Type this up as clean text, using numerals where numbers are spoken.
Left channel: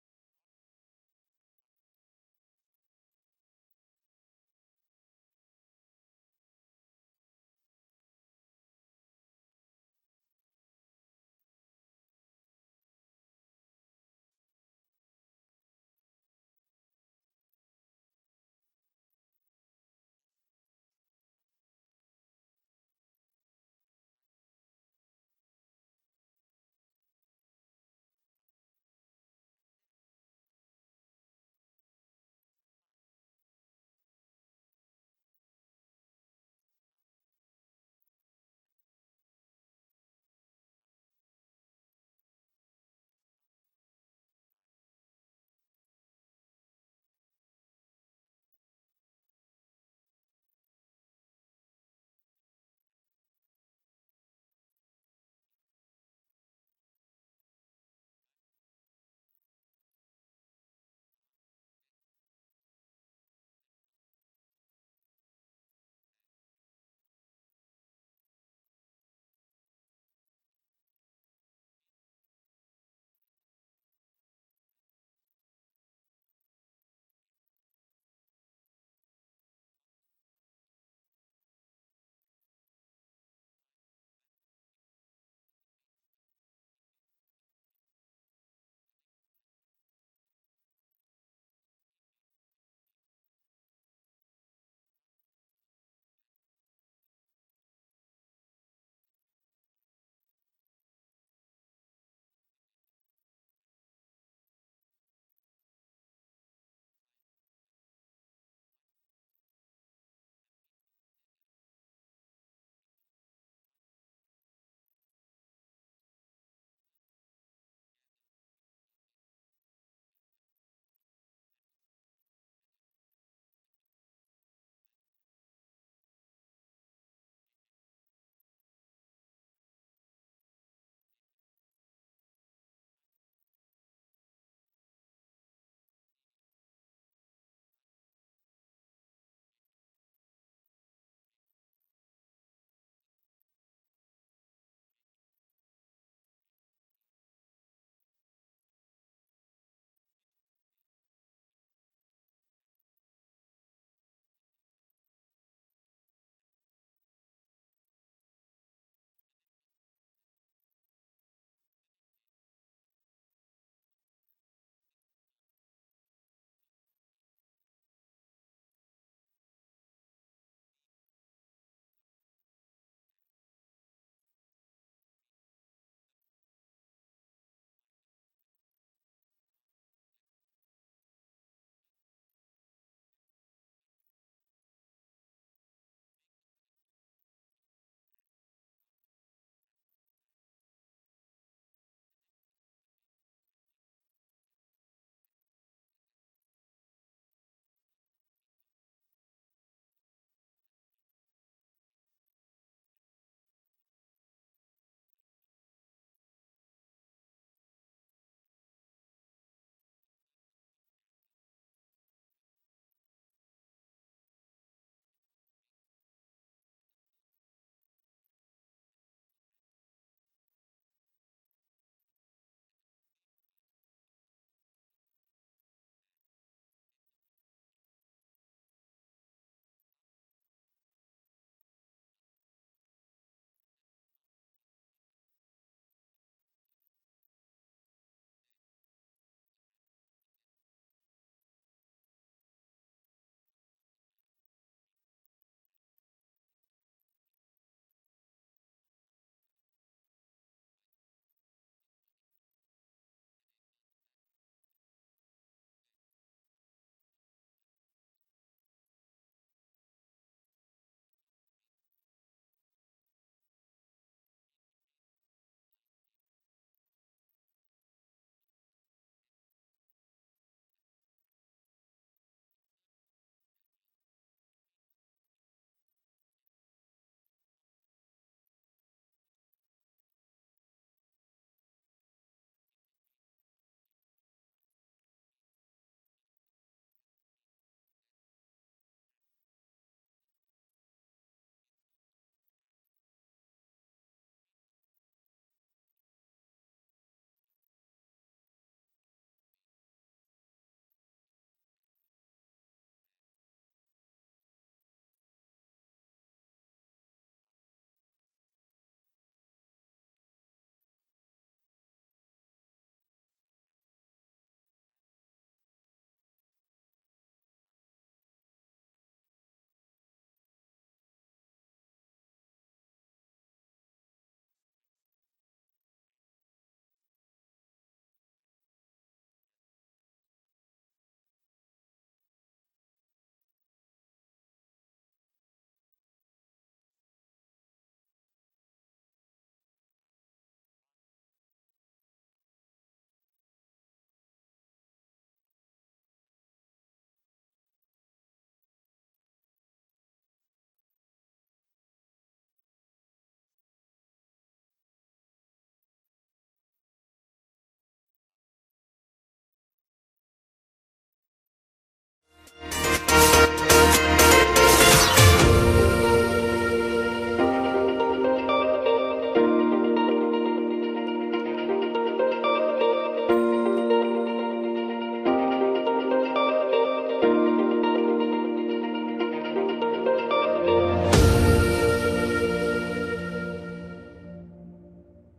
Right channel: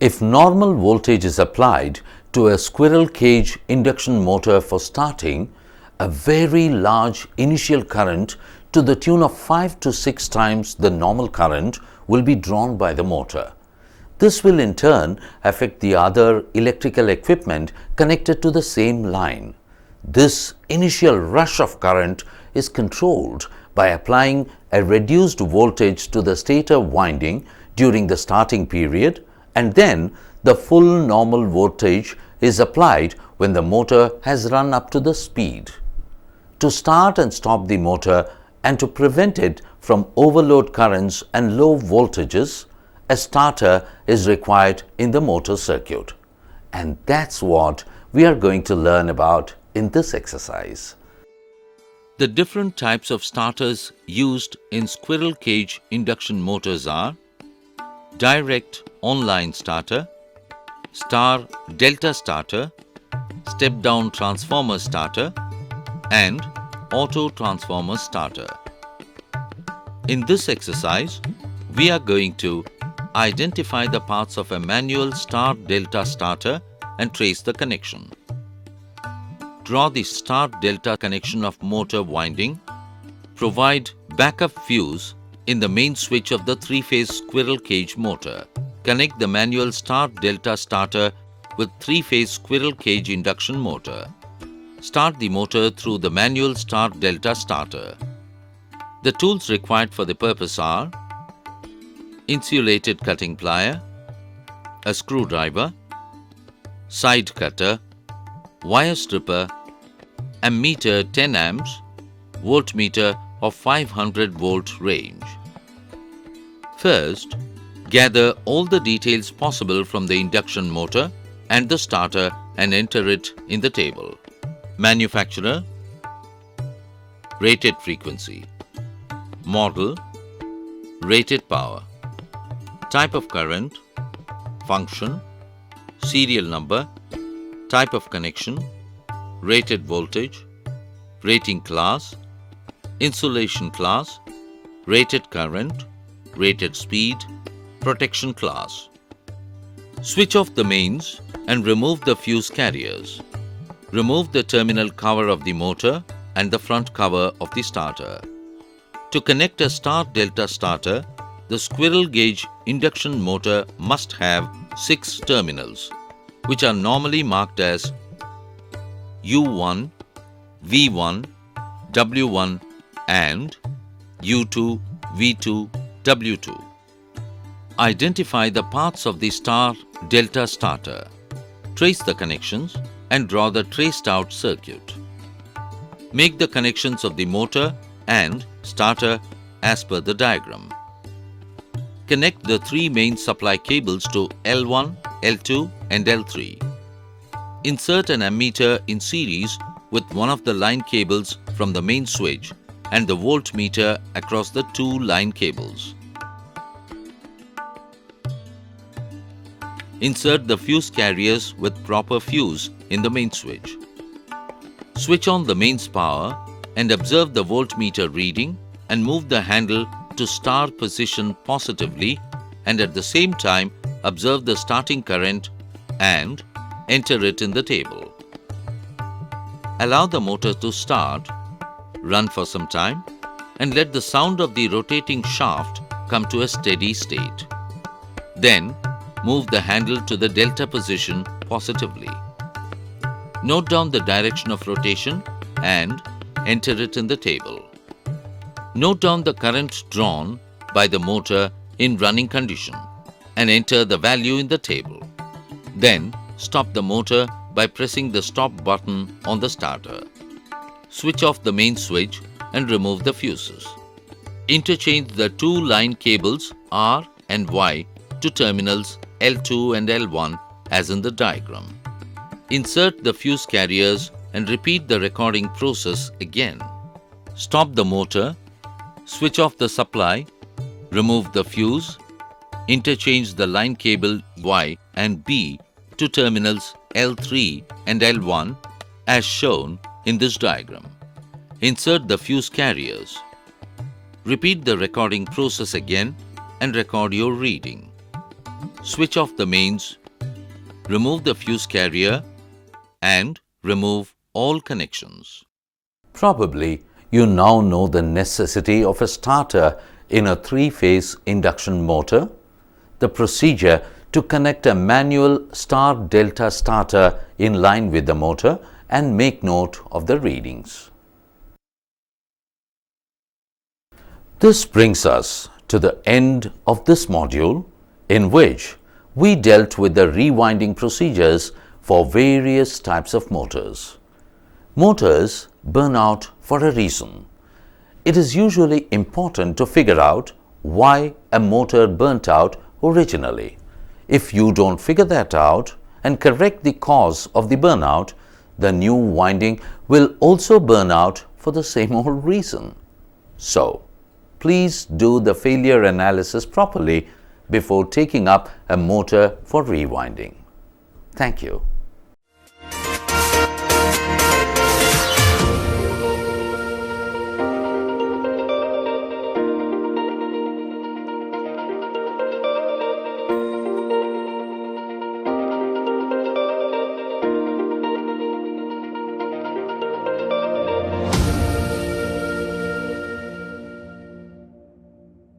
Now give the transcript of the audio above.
If normal voltage is applied to a squirrel cage induction motor for starting, a very large initial current to the tune of 5 to 6 times the normal current will be drawn by the motor. This will in turn affect the other electrical equipment connected to the same line. This initial rush of current is controlled by applying a reduced voltage to the stator winding during the starting period, and then the full normal voltage is applied when the motor has run up to the speed. To start and stop the motor and to prevent it from overload currents and low voltages, a starter is required in the motor circuit. And that's what we are going to learn about in this exercise. The different types of starters used in squirrel cage induction motors are direct online starter, star delta starter, step down transformer starter, and auto transformer starter. In this exercise, we are going to identify the parts of a manual star delta starter and trace the connection. Draw the star delta connection of motor winding. Provide backup fuse in the main switch of the three-phase squirrel cage motor. Connect the manual star delta starter with three-phase squirrel cage induction motor. Start the motor through the manual star delta starter. The tools required for the purpose are insulated cutting plier, a screwdriver, side cutter, wire stripper, ammeter 10 amps, voltmeter of 500 volt range. First, gather all the details possible from the induction motor and the starter and enter it in the table. Manufacturer, rated frequency, model, rated power, type of current, function, serial number, type of connection, rated voltage, rating class, insulation class, rated current, rated speed, protection class. Switch off the mains and remove the fuse carriers. Remove the terminal cover of the motor and the front cover of the starter. To connect a star delta starter, the squirrel gauge induction motor must have 6 terminals, which are normally marked as U1, V1, W1 and U2, V2, W2. Identify the parts of the star delta starter. Trace the connections and draw the traced out circuit. Make the connections of the motor and starter as per the diagram. Connect the 3 main supply cables to L1, L2 and L3. Insert an ammeter in series with one of the line cables from the main switch and the voltmeter across the 2 line cables. Insert the fuse carriers with proper fuse in the main switch. Switch on the mains power and observe the voltmeter reading and move the handle to star position positively, and at the same time observe the starting current and enter it in the table. Allow the motor to start, run for some time, and let the sound of the rotating shaft come to a steady state. Then move the handle to the delta position positively. Note down the direction of rotation and enter it in the table. Note down the current drawn by the motor in running condition and enter the value in the table. Then stop the motor by pressing the stop button on the starter. Switch off the main switch and remove the fuses. Interchange the 2 line cables R and Y to terminals L2 and L1 as in the diagram. Insert the fuse carriers and repeat the recording process again. Stop the motor, switch off the supply, remove the fuse, interchange the line cable Y and B to terminals L3 and L1 as shown in this diagram. Insert the fuse carriers. Repeat the recording process again and record your reading. switch off the mains, remove the fuse carrier, and remove all connections. Probably you now know the necessity of a starter in a three-phase induction motor, the procedure to connect a manual star-delta starter in line with the motor, and make note of the readings. This brings us to the end of this module, in which we dealt with the rewinding procedures for various types of motors. Motors burn out for a reason. It is usually important to figure out why a motor burnt out originally. If you don't figure that out and correct the cause of the burnout, the new winding will also burn out for the same old reason. So, please do the failure analysis properly before taking up a motor for rewinding. Thank you.